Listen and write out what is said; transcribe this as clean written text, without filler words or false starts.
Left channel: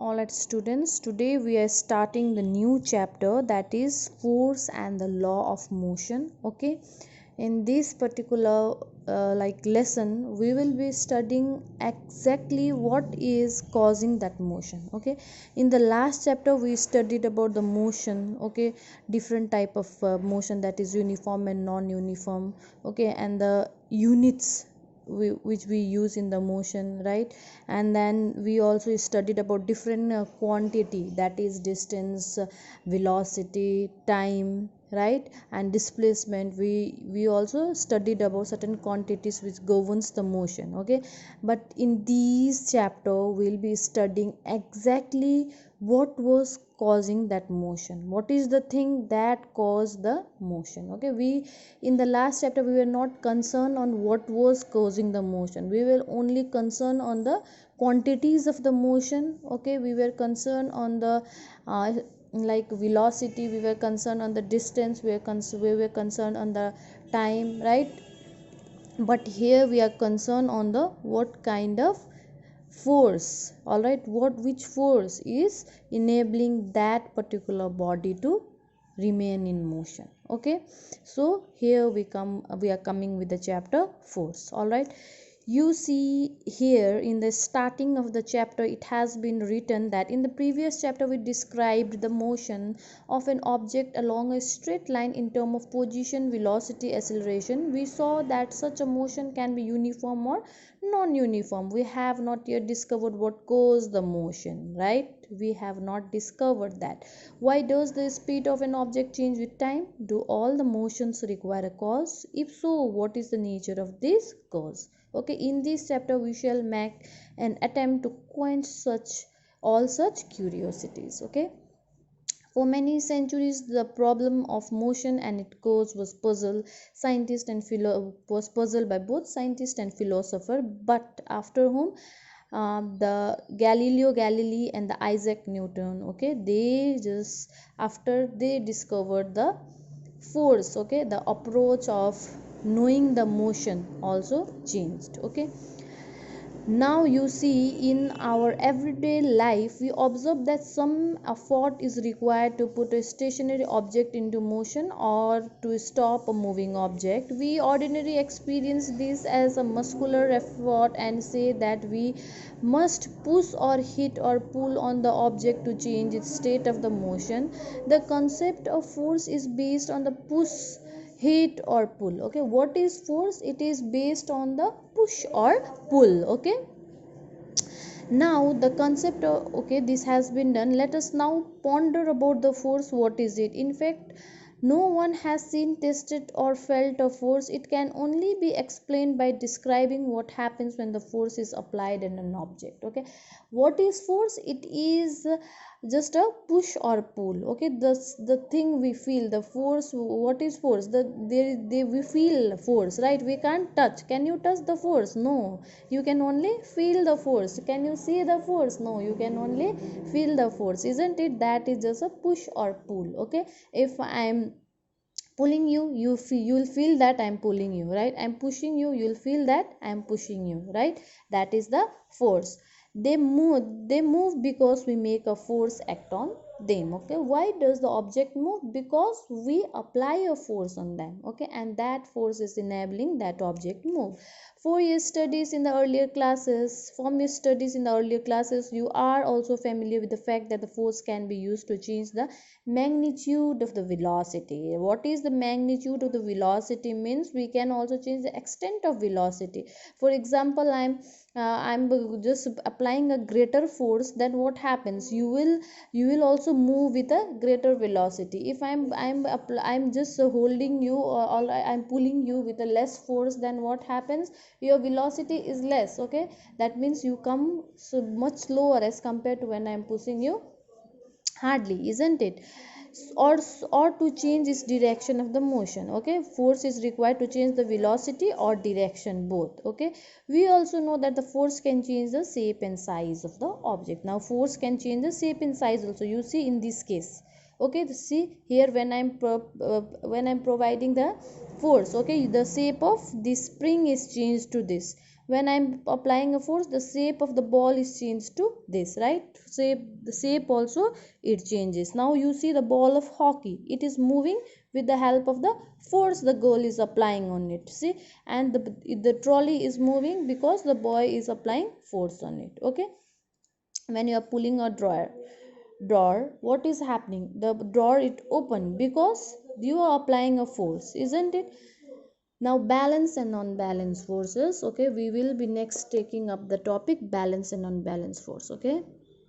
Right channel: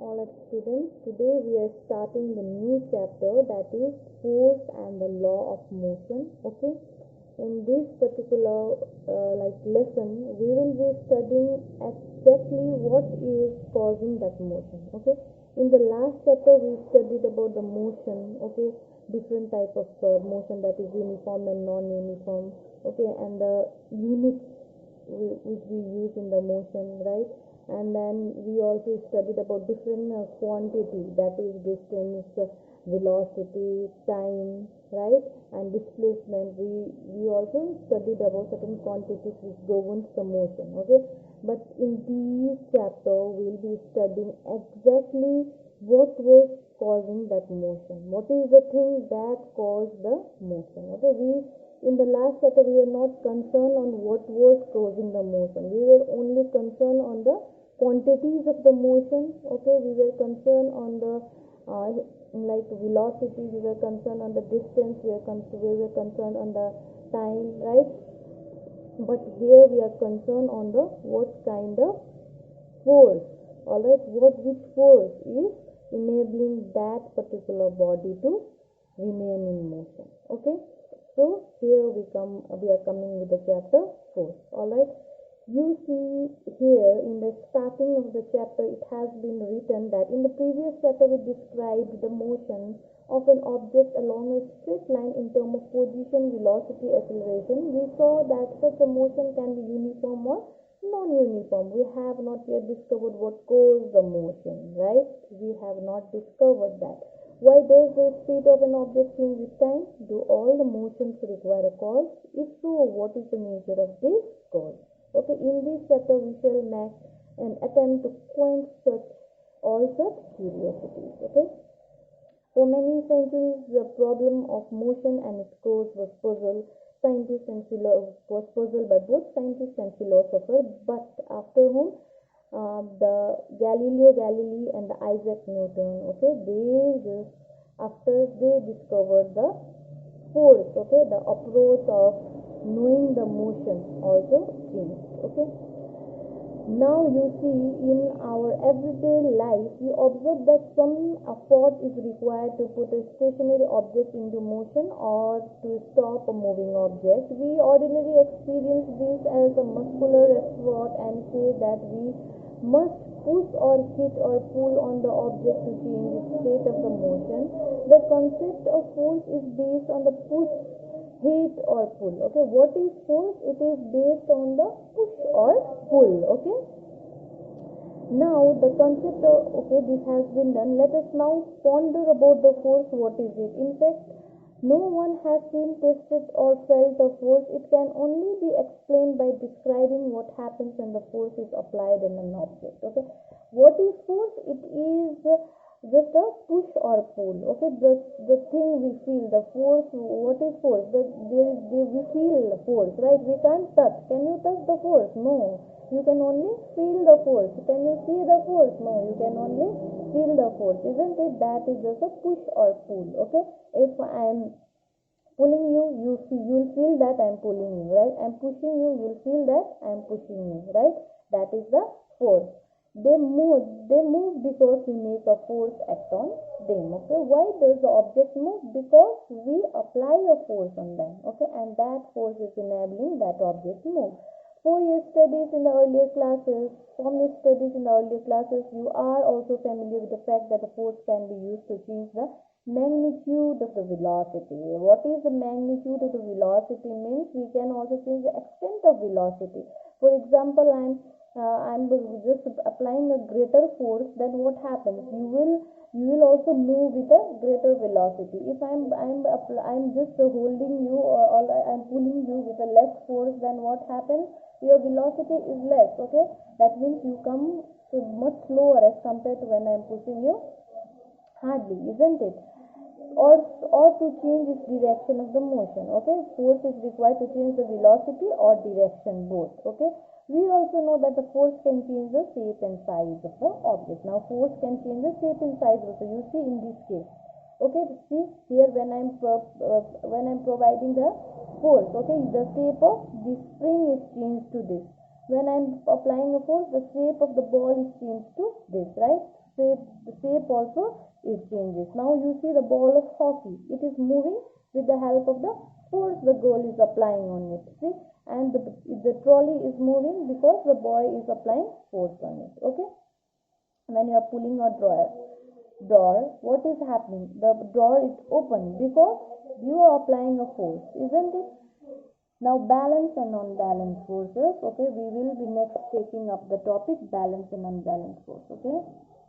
Alright students, today we are starting the new chapter, that is force and the law of motion. Okay, in this particular lesson we will be studying exactly what is causing that motion. Okay, in the last chapter we studied about the motion. Okay, different type of motion, that is uniform and non-uniform. Okay, and the units which we use in the motion, right? And then we also studied about different quantity, that is distance, velocity, time, right? And displacement. We also studied about certain quantities which governs the motion. Okay, but in this chapter we'll be studying exactly what was causing that motion, what is the thing that caused the motion. Okay, we in the last chapter we were not concerned on what was causing the motion, we were only concerned on the quantities of the motion. Okay, we were concerned on the uh, velocity, we were concerned on the distance, we were concerned on the time, right? But here we are concerned on the what kind of force. All right, which force is enabling that particular body to remain in motion. Okay, so here we are coming with the chapter force. All right, you see here in the starting of the chapter it has been written that in the previous chapter we described the motion of an object along a straight line in terms of position, velocity, acceleration. We saw that such a motion can be uniform or non-uniform. We have not yet discovered what caused the motion, right? We have not discovered that. Why does the speed of an object change with time? Do all the motions require a cause? If so, what is the nature of this cause? Okay, in this chapter we shall make an attempt to quench all such curiosities. Okay, for many centuries the problem of motion and its cause was puzzled by both scientists and philosopher. But after whom the Galileo Galilei and the Isaac Newton, okay, they just after they discovered the force, okay, the approach of knowing the motion also changed. Okay, now you see in our everyday life we observe that some effort is required to put a stationary object into motion or to stop a moving object. We ordinarily experience this as a muscular effort and say that we must push or hit or pull on the object to change its state of the motion. The concept of force is based on the push, hit or pull. Okay, what is force? It is based on the push or pull. Okay, now the concept of, okay, this has been done. Let us now ponder about the force. What is it? In fact, no one has seen, tested or felt a force. It can only be explained by describing what happens when the force is applied in an object. Okay, what is force? It is just a push or pull. Okay, the thing we feel the force. What is force? We feel force, right? We can't touch. Can you touch the force? No, you can only feel the force. Can you see the force? No, you can only feel the force, isn't it? That is just a push or pull. Okay, if I am pulling you, you'll feel that I'm pulling you, right? I'm pushing you, you'll feel that I'm pushing you, right? That is the force. They move because we make a force act on them. Okay, why does the object move? Because we apply a force on them. Okay, and that force is enabling that object move. From your studies in the earlier classes, you are also familiar with the fact that the force can be used to change the magnitude of the velocity. What is the magnitude of the velocity? Means we can also change the extent of velocity. For example, I'm just applying a greater force, then what happens? You will also move with a greater velocity. If I'm just holding you, or I'm pulling you with a less force, then what happens? Your velocity is less. Okay, that means you come so much slower as compared to when I'm pushing you hardly, isn't it? or or to change its direction of the motion. Okay, force is required to change the velocity or direction, both. Okay, we also know that the force can change the shape and size of the object. Now force can change the shape and size also. You see in this case, okay, see here when I'm providing the force, okay, the shape of the spring is changed to this. when I'm applying a force, the shape of the ball is changed to this, right? The shape also it changes. Now you see the ball of hockey, it is moving with the help of the force the girl is applying on it, see. And the trolley is moving because the boy is applying force on it. Okay, when you are pulling a drawer, what is happening? The drawer it open because you are applying a force, isn't it? Now balance and non-balance forces. Okay, we will be next taking up the topic balance and non-balance force. Okay,